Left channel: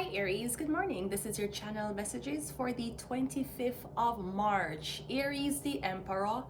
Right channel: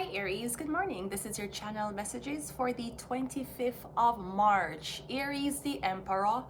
Hi Aries, good morning. This is your channel messages for the 25th of March. Aries, the Emperor.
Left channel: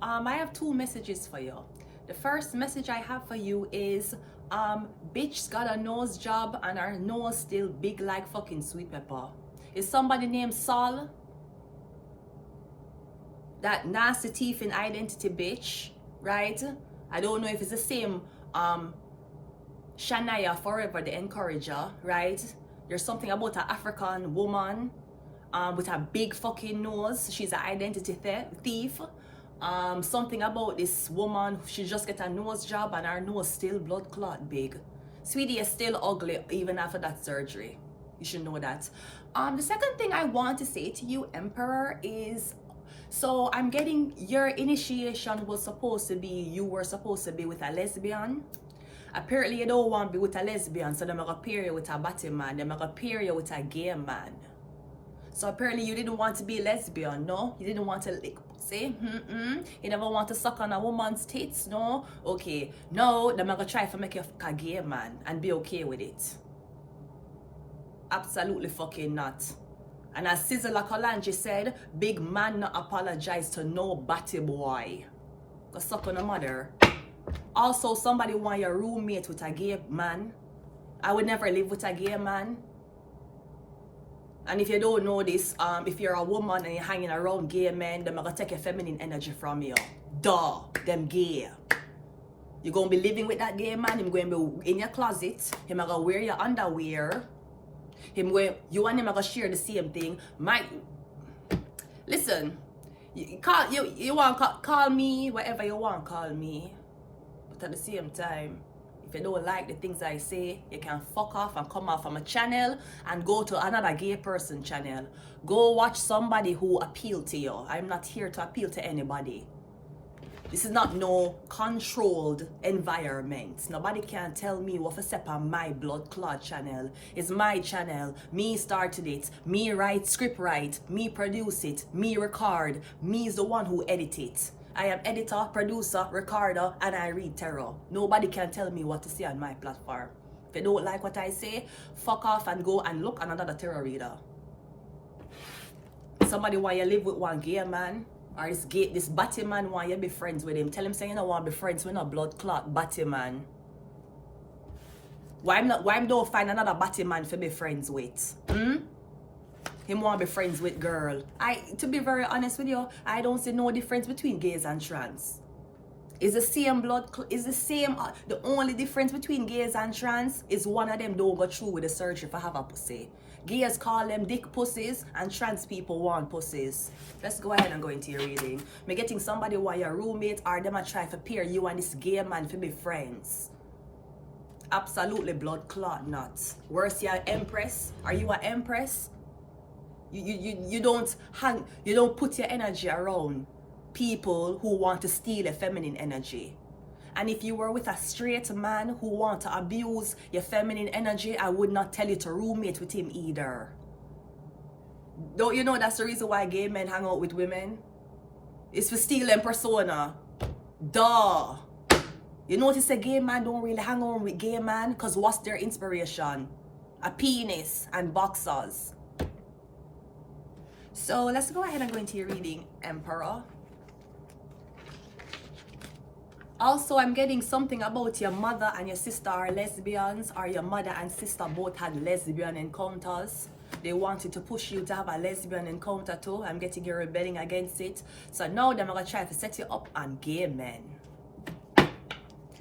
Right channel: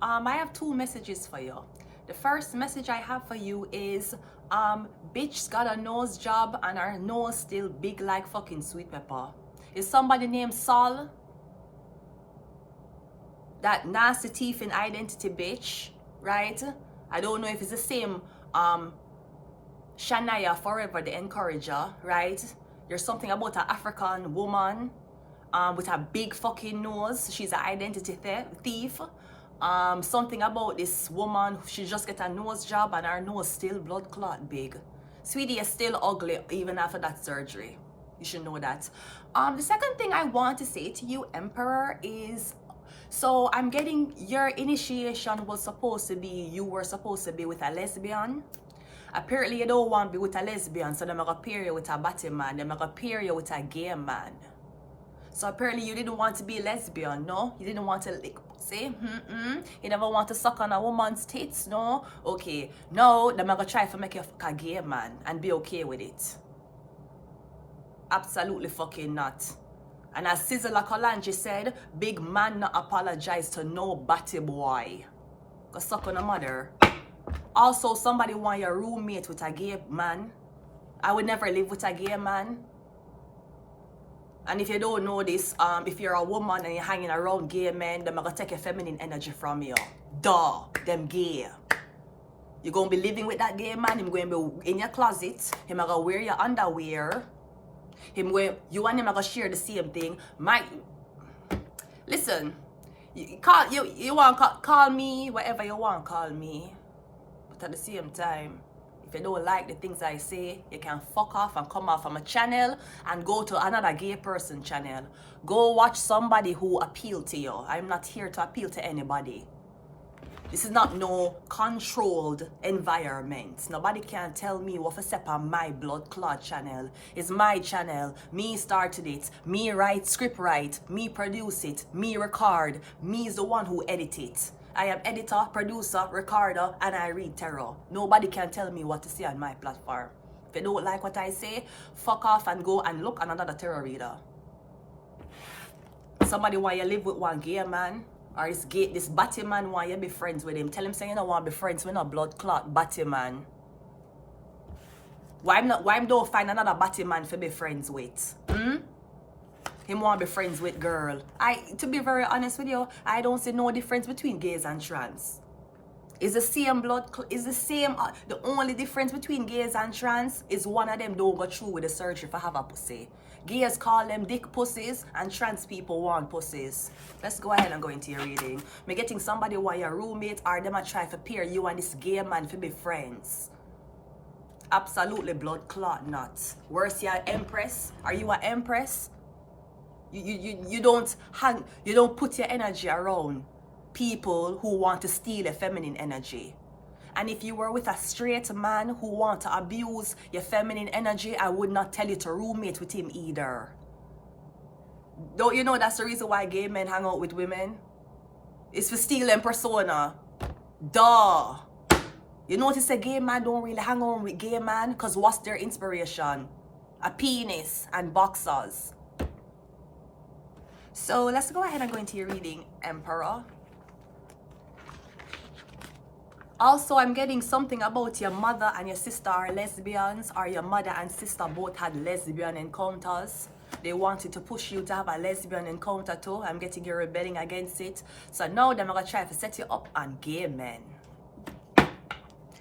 I have two messages for you. The first message I have for you is bitch got a nose job and her nose still big like fucking sweet pepper. Is somebody named Saul? That nasty teeth in identity bitch, right? I don't know if it's the same Shania Forever, the encourager, right? There's something about an African woman with a big fucking nose. She's an identity thief. Something about this woman, she just get a nose job and her nose still blood clot big. Sweetie, you're still ugly even after that surgery. You should know that. The second thing I want to say to you, Emperor, is so I'm getting your initiation was supposed to be, you were supposed to be with a lesbian. Apparently you don't want to be with a lesbian, so they're going to pair you with a batty man. They're going to pair you with a gay man. So apparently you didn't want to be a lesbian, no? You didn't want to lick pussy. You never want to suck on a woman's tits, no? Okay, now they're going to try to make you a gay man and be okay with it. Absolutely fucking not. And as Sizzla Kalanji said, big man not apologize to no batty boy. Go suck on a mother. Also, somebody want your roommate with a gay man. I would never live with a gay man. And if you don't know this, if you're a woman and you're hanging around gay men, they're gonna take your feminine energy from you. Duh, them gay. You're gonna be living with that gay man. He's going to be in your closet. He's gonna wear your underwear. You and him are gonna share the same thing. Listen, you want to call me whatever you want to call me. At the same time, if you don't like the things I say, you can fuck off and come off from a channel and go to another gay person channel. Go watch somebody who appeal to you. I'm not here to appeal to anybody. This is not no controlled environment. Nobody can tell me what to step on my blood clot channel. It's my channel. Me started it. Me write, script write. Me produce it. Me record. Me is the one who edit it. I am editor, producer, recorder, and I read tarot. Nobody can tell me what to say on my platform. If you don't like what I say, fuck off and go and look at another tarot reader. Somebody want you live with one gay man, or this batty man want you be friends with him. Tell him say you don't want to be friends with no blood clot batty man. Why don't find another batty man to be friends with? Him want to be friends with girl. To be very honest with you, I don't see no difference between gays and trans. It's the same the only difference between gays and trans is one of them don't go through with the surgery for have a pussy. Gays call them dick pussies and trans people want pussies. Let's go ahead and go into your reading. Me getting somebody who are your roommate or them a try to pair you and this gay man to be friends. Absolutely blood clot nuts. Worse, you're an empress. Are you an empress? You don't put your energy around people who want to steal your feminine energy. And if you were with a straight man who want to abuse your feminine energy, I would not tell you to roommate with him either. Don't you know that's the reason why gay men hang out with women? It's for stealing persona. Duh. You notice a gay man don't really hang on with gay man because what's their inspiration? A penis and boxers. So let's go ahead and go into your reading, Emperor. Also, I'm getting something about your mother and your sister are lesbians, or your mother and sister both had lesbian encounters. They wanted to push you to have a lesbian encounter too. I'm getting you rebelling against it. So now they're going to try to set you up on gay men.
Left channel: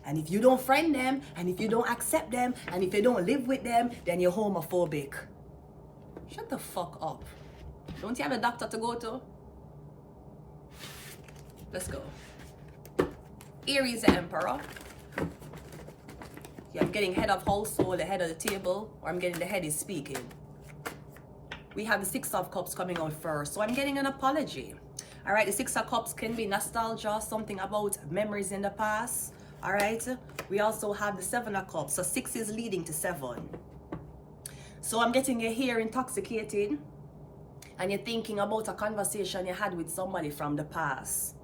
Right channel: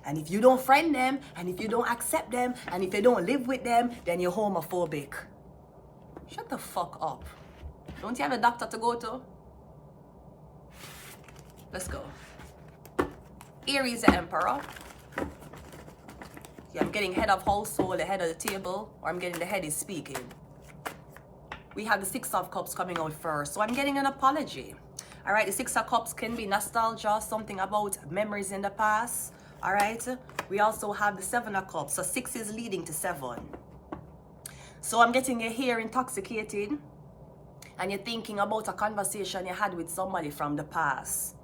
And if you don't friend them, and if you don't accept them, and if you don't live with them, then you're homophobic. Shut the fuck up. Don't you have a doctor to go to? Let's go. Aries, the Emperor. Yeah, I'm getting head of household, the head of the table, or I'm getting the head is speaking. We have the Six of Cups coming out first, so I'm getting an apology. All right, the Six of Cups can be nostalgia, something about memories in the past. All right, we also have the Seven of Cups, so 6 is leading to 7. So I'm getting your hair intoxicated. And you're thinking about a conversation you had with somebody from the past.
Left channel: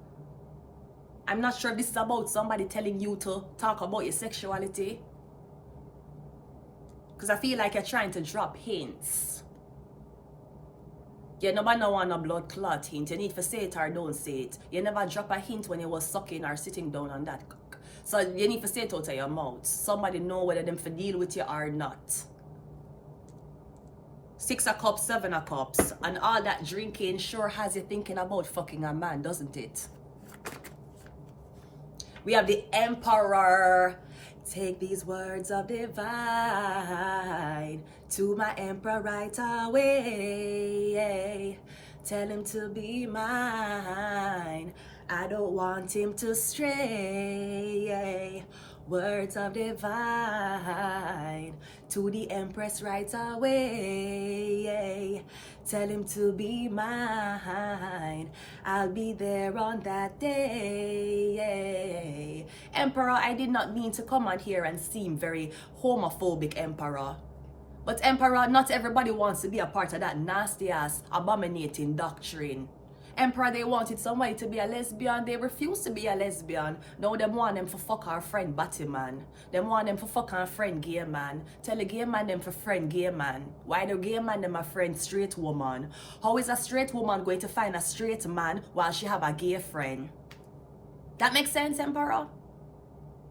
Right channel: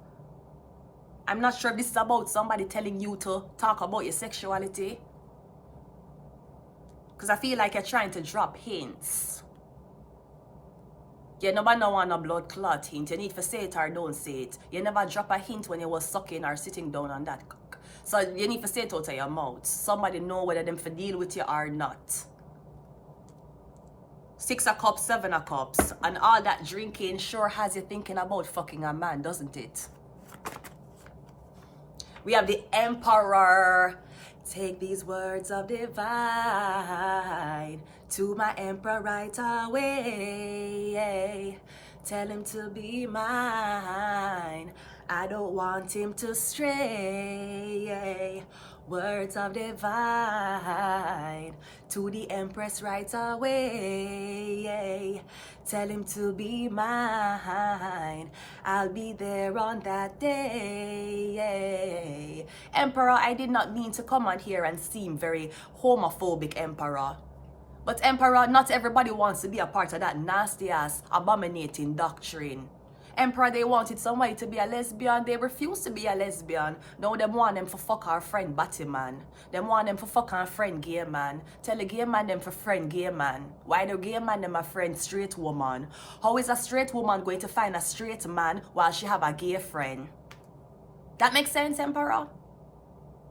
I'm not sure if this is about somebody telling you to talk about your sexuality. Because I feel like you're trying to drop hints. You never know on a blood clot hint. You need to say it or don't say it. You never drop a hint when you was sucking or sitting down on that cock. So you need to say it out of your mouth. Somebody know whether them for deal with you or not. 6 of Cups, 7 of Cups. And all that drinking sure has you thinking about fucking a man, doesn't it? We have the Emperor. Take these words of divine to my emperor right away. Tell him to be mine. I don't want him to stray. Words of divine to the empress right away. Tell him to be mine. I'll be there on that day. Emperor, I did not mean to come on here and seem very homophobic, Emperor. But Emperor, not everybody wants to be a part of that nasty ass abominating doctrine. Emperor, they wanted somebody to be a lesbian. They refused to be a lesbian. Now them want them for fuck our friend Batman. Them want them for fuck our friend gay man. Tell the gay man them for friend gay man. Why the gay man them a friend straight woman? How is a straight woman going to find a straight man while she have a gay friend? That makes sense, Emperor?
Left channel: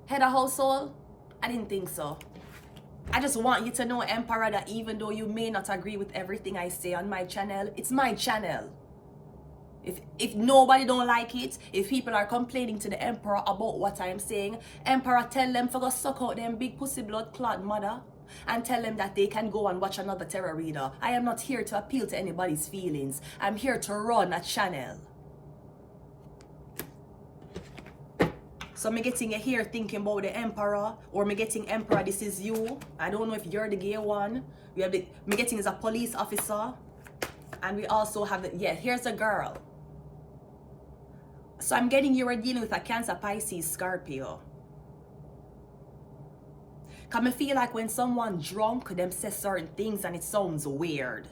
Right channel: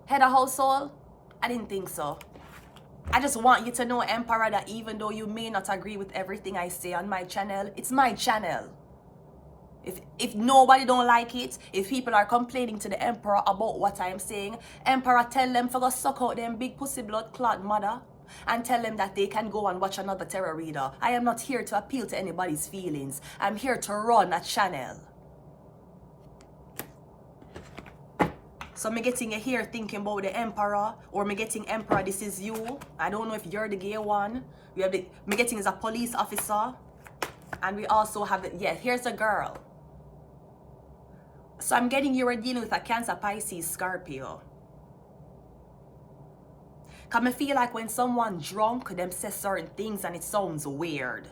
Head of household? I didn't think so. I just want you to know, Emperor, that even though you may not agree with everything I say on my channel, it's my channel. If nobody don't like it, if people are complaining to the Emperor about what I'm saying, Emperor, tell them to go suck out them big pussy blood clot mother and tell them that they can go and watch another tarot reader. I am not here to appeal to anybody's feelings. I'm here to run a channel. So me getting you here thinking about the Emperor, or me getting Emperor, this is you. I don't know if you're the gay one. We have the, me getting is a police officer. And we also have the, yeah, here's a girl. So I'm getting you are dealing with a Cancer, Pisces, Scorpio. Cause I feel like when someone drunk, them say certain things and it sounds weird.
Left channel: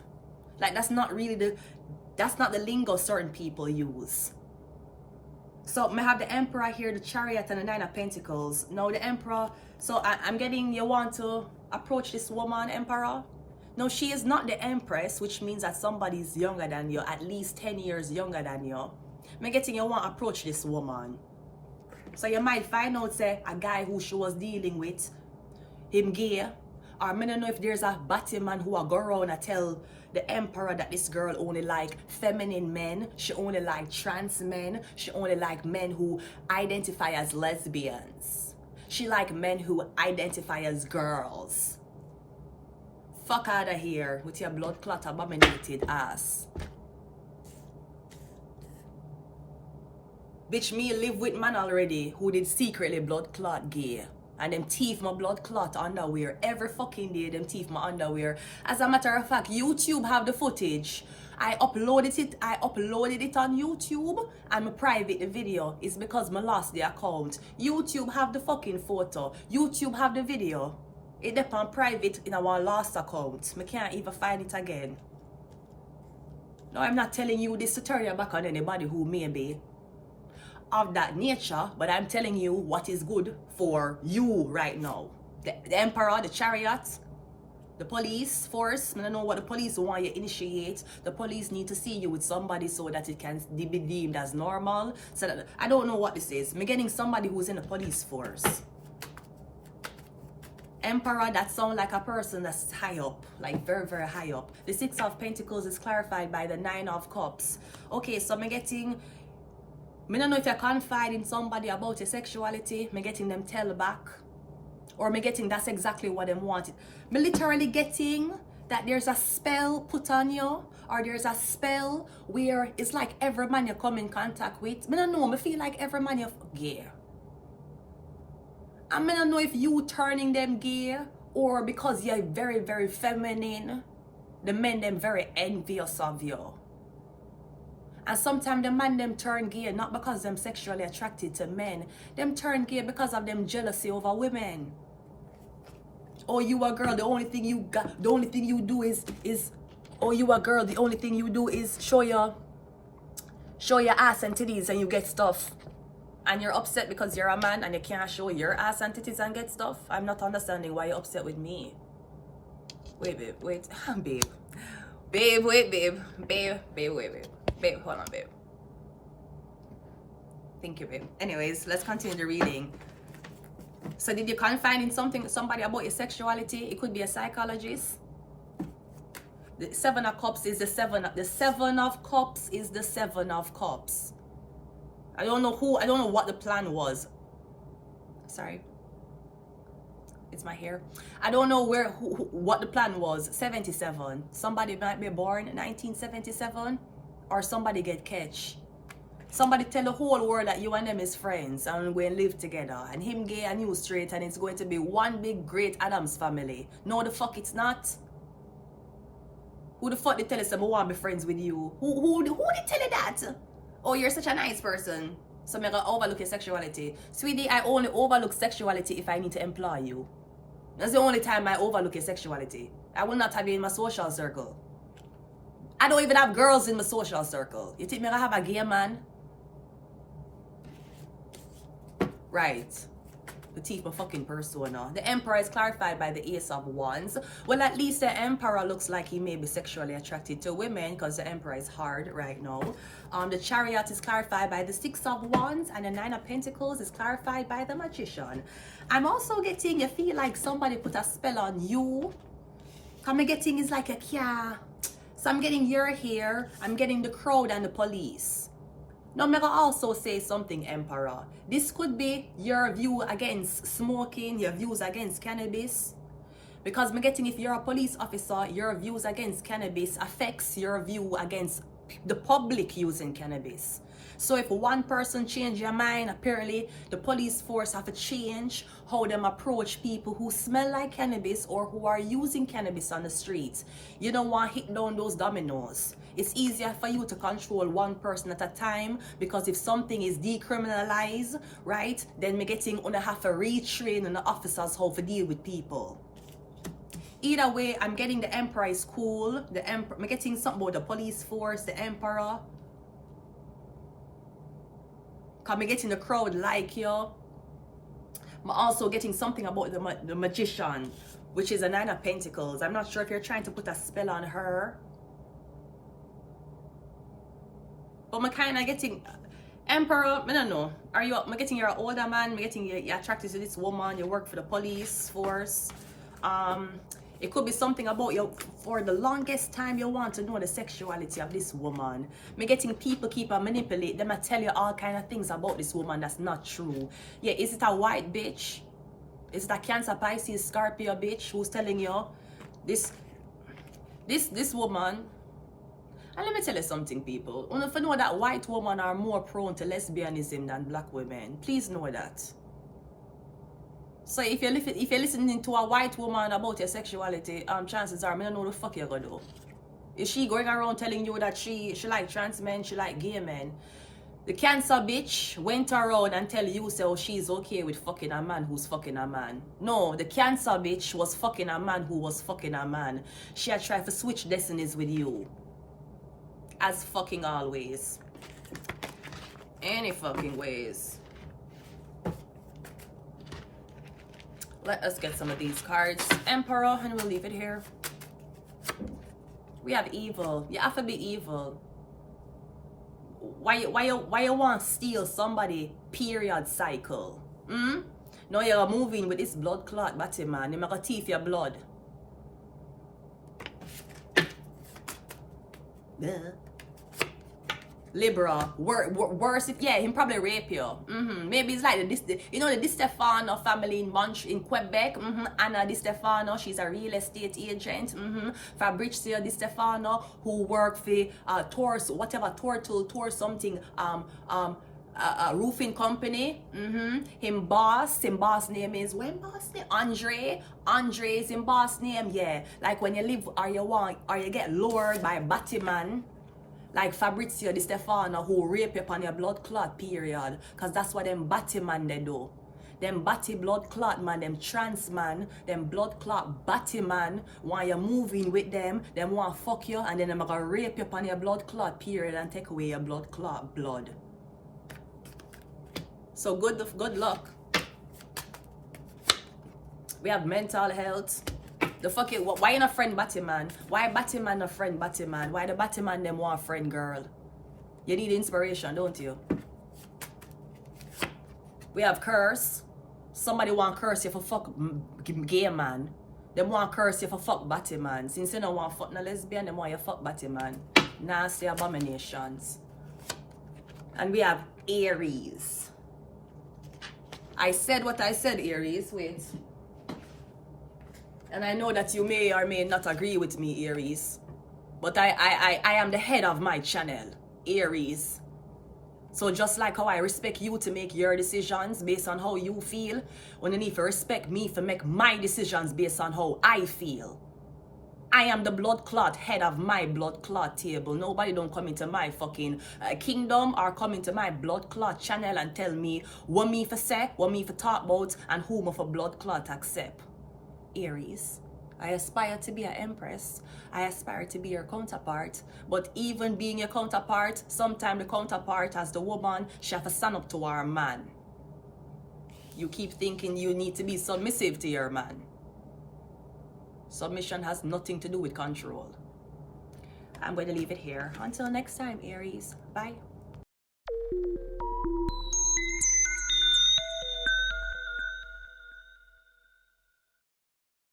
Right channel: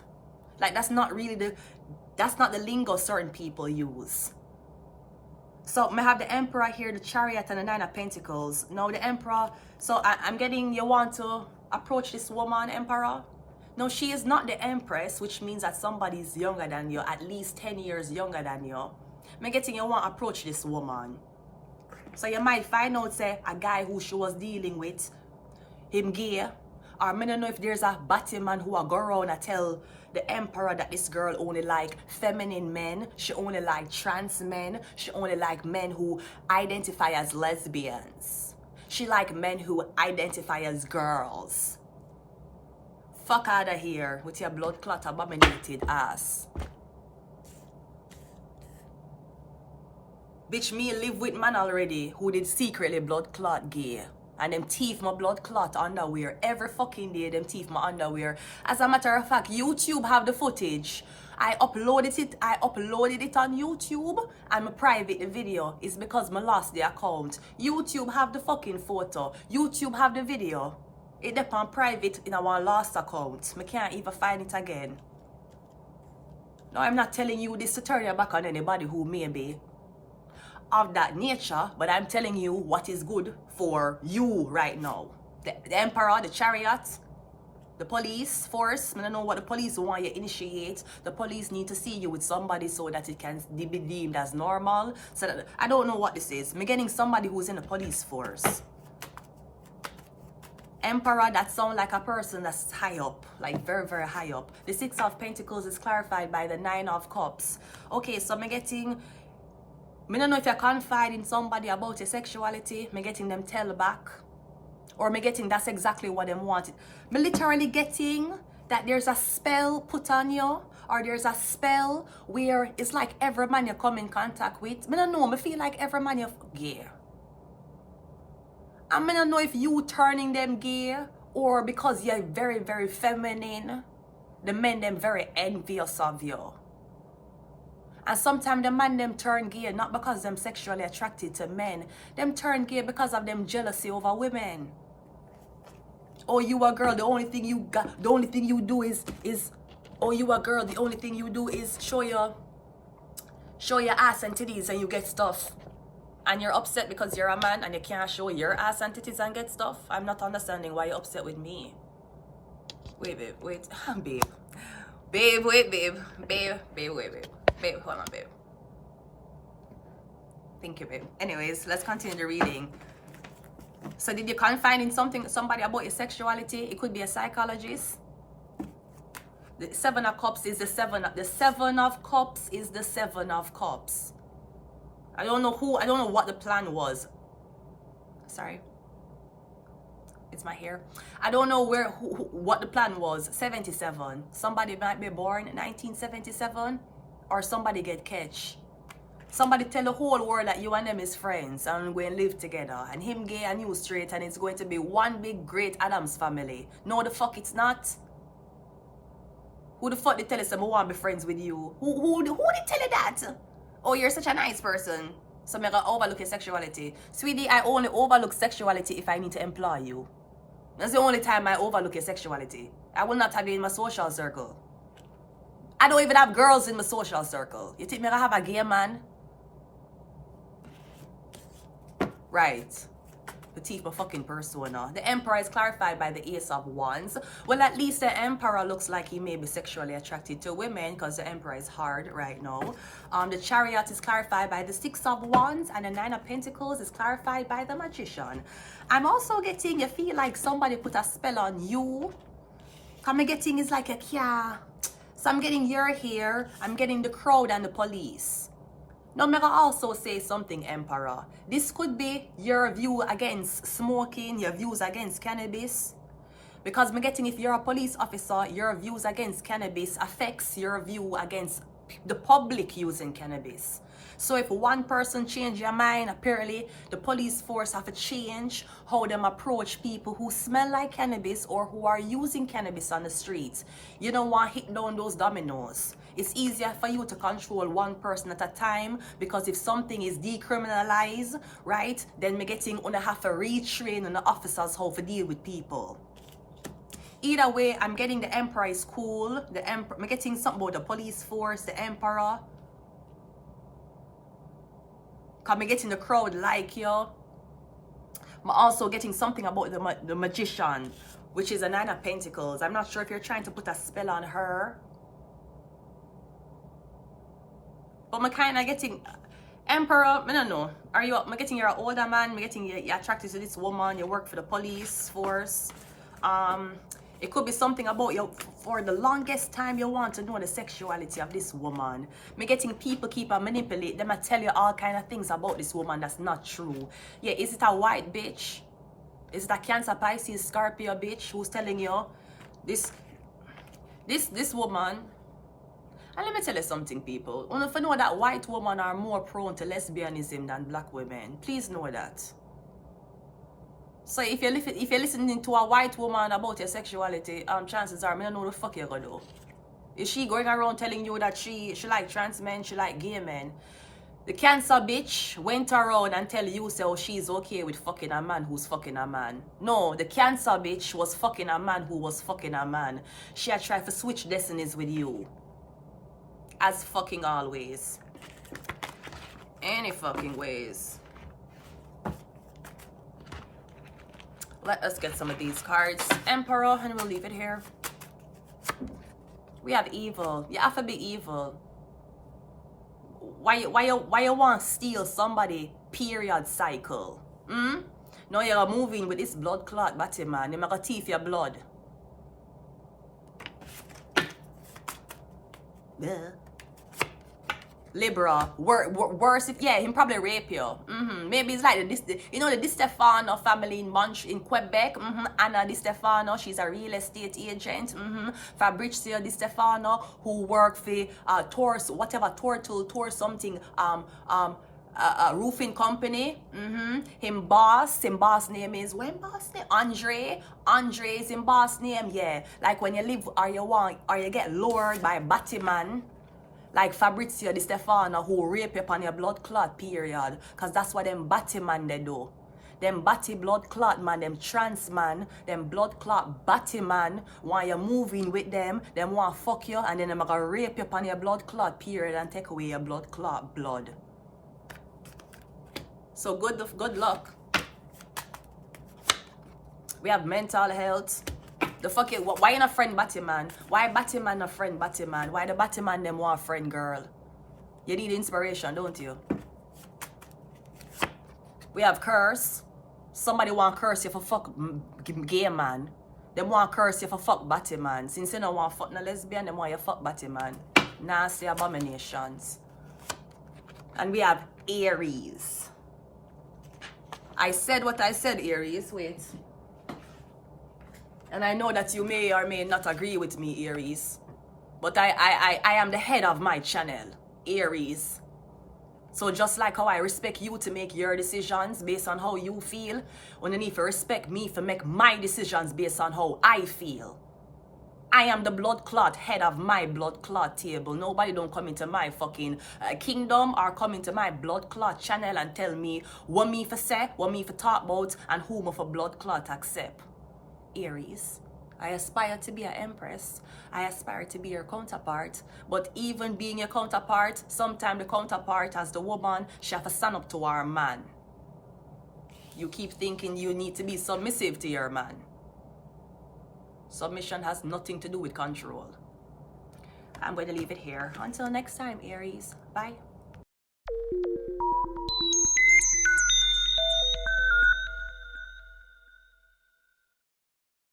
Like that's not the lingo certain people use. So I have the Emperor here, the Chariot, and the 9 of Pentacles. Now the Emperor, so I'm getting you want to approach this woman, Emperor. No, she is not the Empress, which means that somebody's younger than you, at least 10 years younger than you. I'm getting you want to approach this woman. So you might find out, say, a guy who she was dealing with, him gay. Or I don't know if there's a Batman who will go around and tell the Emperor that this girl only like feminine men. She only like trans men. She only like men who identify as lesbians. She like men who identify as girls. Fuck out of here with your blood clot abominated ass. Bitch, me live with man already who did secretly blood clot gay. And them teeth my blood clot underwear. Every fucking day them teeth my underwear. As a matter of fact, YouTube have the footage. I uploaded it on YouTube and my private the video. It's because I lost the account. YouTube have the fucking photo. YouTube have the video. It depends private in our last account. I can't even find it again. No, I'm not telling you this to turn your back on anybody who may be of that nature, but I'm telling you what is good for you right now. The Emperor, the Chariot, the police force. I don't know what the police want you initiate. The police need to see you with somebody so that it can be deemed as normal. So that, I don't know what this is. I'm getting somebody who's in the police force. Emperor, that sounds like a person that's high up, like very, very high up. The 6 of Pentacles is clarified by the 9 of Cups. Okay, so I'm getting, I don't know if you confide in somebody about your sexuality, I'm getting them tell back. Or I'm getting that's exactly what them wanted. I'm literally getting that there's a spell put on you, or there's a spell where it's like every man you come in contact with. I don't know, I feel like every man you're gay. I don't know if you turning them gay or because you're very, very feminine, the men them very envious of you. And sometimes the man them turn gay not because them sexually attracted to men. Them turn gay because of them jealousy over women. Oh, you a girl, the only thing you got, the only thing you do is oh, you a girl, the only thing you do is show your ass and titties and you get stuff. And you're upset because you're a man and you can't show your ass and titties and get stuff. I'm not understanding why you're upset with me. Wait, babe, wait. Babe. Babe, wait, babe. Babe, wait, babe. Babe, hold on, babe. Thank you, babe. Anyways, let's continue the reading. So did you confide in somebody about your sexuality? It could be a psychologist. The Seven of Cups is the Seven of Cups is the Seven of Cups. I don't know what the plan was. Sorry. It's my hair. I don't know what the plan was. 77. Somebody might be born in 1977, or somebody get catch. Somebody tell the whole world that you and them is friends and we live together, and him gay and you straight, and it's going to be one big great Adams family. No, the fuck it's not. Who the fuck they tell us I want to be friends with you? Who they tell you that? Oh, you're such a nice person, so I'm gonna overlook your sexuality. Sweetie, I only overlook sexuality if I need to employ you. That's the only time I overlook your sexuality. I will not have you in my social circle. I don't even have girls in my social circle. You think me gonna have a gay man? Right. The teeth of fucking persona. The Emperor is clarified by the Ace of Wands. Well, at least the Emperor looks like he may be sexually attracted to women, because the Emperor is hard right now. The Chariot is clarified by the Six of Wands, and the Nine of Pentacles is clarified by the Magician. I'm also getting, you feel like somebody put a spell on you. I'm getting is like a yeah. So I'm getting your hair, I'm getting the crowd and the police. Now, I'm gonna also say something, Emperor. This could be your view against smoking, your views against cannabis. Because I'm getting, if you're a police officer, your views against cannabis affects your view against the public using cannabis. So if one person change your mind, apparently the police force have to change how them approach people who smell like cannabis or who are using cannabis on the streets. You don't want to hit down those dominoes. It's easier for you to control one person at a time, because if something is decriminalized, right, then we're getting gonna have to retrain on the officers how to deal with people. Either way, I'm getting the Emperor is cool. I'm getting something about the police force, the Emperor. I'm getting the crowd like you. I'm also getting something about the Magician, which is a Nine of Pentacles. I'm not sure if you're trying to put a spell on her. But I'm kind of getting Emperor, I don't know. I'm getting you're an older man, I'm getting you're attracted to this woman, you work for the police force. It could be something about you. For the longest time you want to know the sexuality of this woman. I'm getting people keep on manipulate them and tell you all kind of things about this woman that's not true. Yeah, is it a white bitch? Is it a Cancer, Pisces, Scorpio bitch who's telling you this woman? And let me tell you something, people. If you know that white women are more prone to lesbianism than black women, please know that. So if you're listening to a white woman about your sexuality, chances are, I don't know what the fuck you're gonna do. Is she going around telling you that she like trans men, she like gay men? The Cancer bitch went around and tell you so she's okay with fucking a man who's fucking a man. No, the Cancer bitch was fucking a man who was fucking a man. She had tried to switch destinies with you. As fucking always. Any fucking ways. Let us get some of these cards. Emperor, and we'll leave it here. We have evil. You have to be evil. Why you want to steal somebody period cycle? No, you're moving with this blood clot body, man. You're gonna teeth your blood. Libra, worse if, yeah, him probably rape you. Maybe it's like the Di Stefano family in Quebec. Anna Di Stefano, she's a real estate agent. Fabrizio Di Stefano, who worked for Tor something, roofing company. Him boss name is Andre. Andre is him boss name, yeah. Like when you live or you get lured by a Batman. Like Fabrizio Di Stefano, who rape you upon your blood clot period. Because that's what them batty man they do. Them batty blood clot man, them trans man, them blood clot batty man, while you're moving with them want to fuck you, and then them gonna rape you upon your blood clot period and take away your blood clot blood. So good luck. We have mental health. The fucking, why you not friend Batman? Why Batman not friend Batman? Why the Batman them want friend girl? You need inspiration, don't you? We have curse. Somebody want curse you for fuck gay man. Them want curse you for fuck Batman. Since you don't want fuck no lesbian, them want you fuck Batman. Nasty abominations. And we have Aries. I said what I said, Aries. Wait. And I know that you may or may not agree with me, Aries. But I am the head of my channel, Aries. So just like how I respect you to make your decisions based on how you feel, when you need to respect me to make my decisions based on how I feel. I am the blood clot head of my blood clot table. Nobody don't come into my fucking kingdom or come into my blood clot channel and tell me what me for say, what me for talk about, and who me for blood clot accept. Aries, I aspire to be an empress. I aspire to be your counterpart. But even being your counterpart, sometimes the counterpart as the woman, she have to stand up to our man. You keep thinking you need to be submissive to your man. Submission has nothing to do with control. I'm going to leave it here. Until next time, Aries. Bye.